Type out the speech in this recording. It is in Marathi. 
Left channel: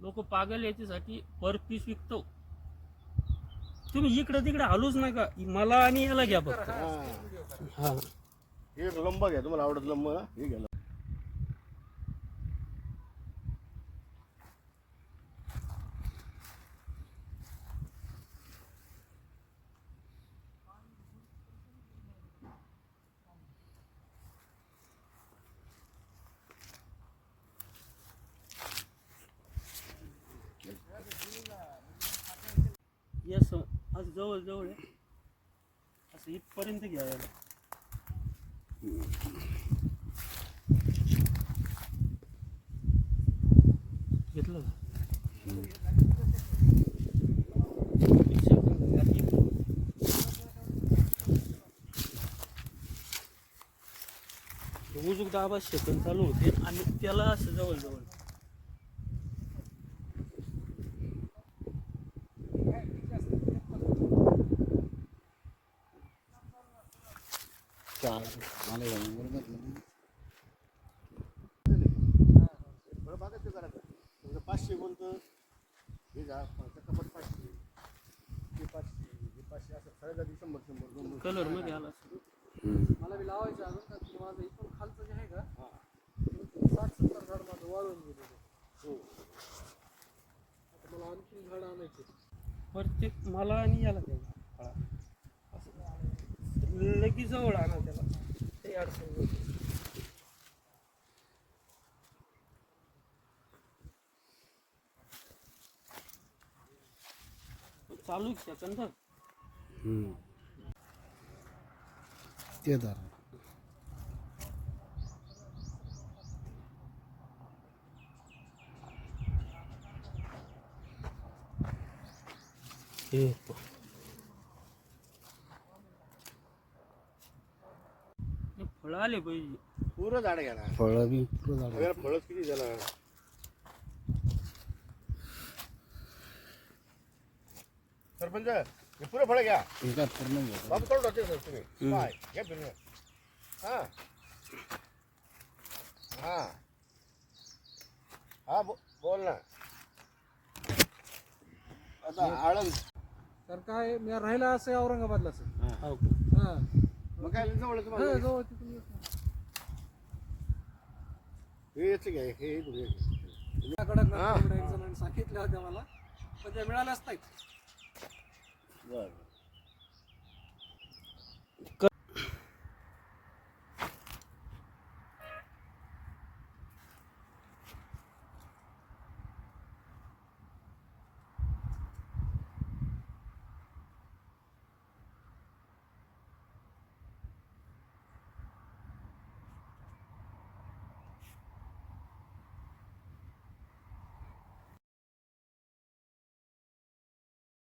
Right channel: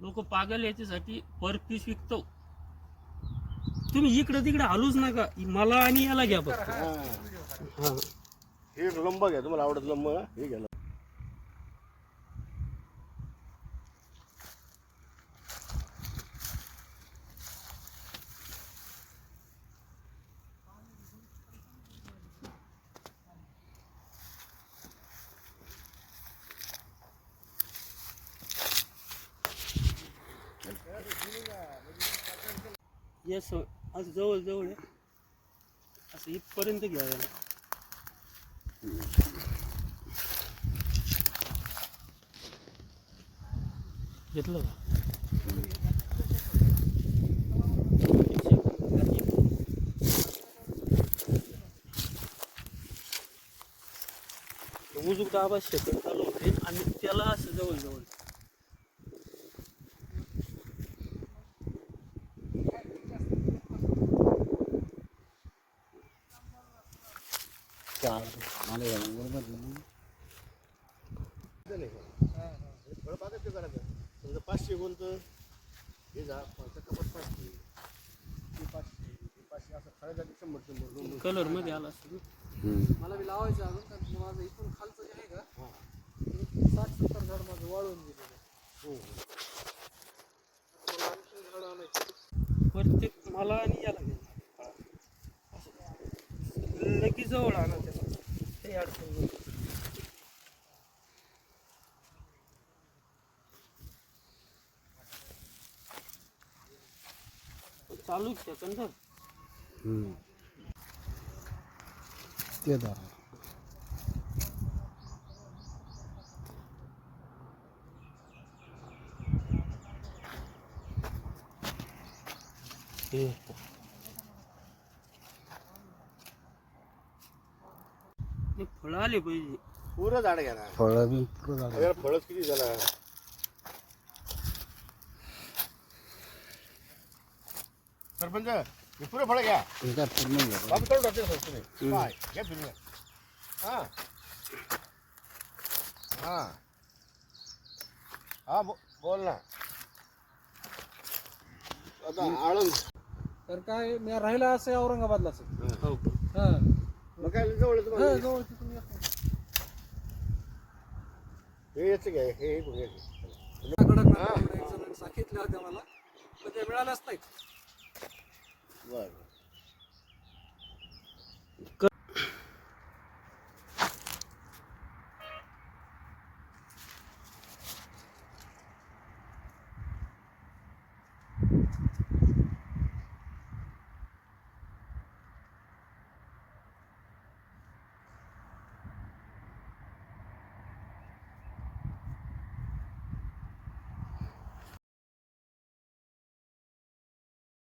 लोक पागल याच्यासाठी पर पीस विकतो तुम्ही इकडं तिकडे हलूच नका. मला आणि याला घ्या फक्त. हा. हा. हे लंब घ्या. तुम्हाला आवडत लंब हे घ्या या स असं जवळ जवळ आहे. असं इथपर्यंत घ्या याला. घेतलं का? उजूक दाबा सेकंद चालू होते. आणि त्याला असं जवळ मला या बरोबर फळ बागायचं करायचं पाचशे बोलतं हे जा कपात पाचशे ते पाचशे हे पाचशे असं खरं जाती शंभर शंभर दोन कलरमध्ये आला मला बी लावायचं अजून कारण की माझं इथून खालचं जे आहे का हा. ते साठ सत्तर झाड माझं वाळून गेलेलं हो आता झाड आणायचं प्रत्येक मला आणि याला घ्यायला लगेच जवळ आणा त्याला. काही अडचण चालू का चंदा ते हे फळं आले पाहिजे. पुरं झाड घ्या ना. फळं बी पुरं झाड. फळच किती झाला? सरपंच हे पुरं फळ घ्या. हे काय पूर्ण बाबू तोड सर तुम्ही. काय घ्या फिरून हा. हा. हा बो- बोल ना. आता आळंद. तर काय मी राहिला असं औरंगाबादलाच. आहे. हो का? हा. काय जवळ हा, तुम्हाला जवळ तिथून येतो. हे याचं घ्या बघ. कडक नारळ एक जणांनी सांगितल्या होत्या मला पण त्या मिळाल्याच नाहीत बरं.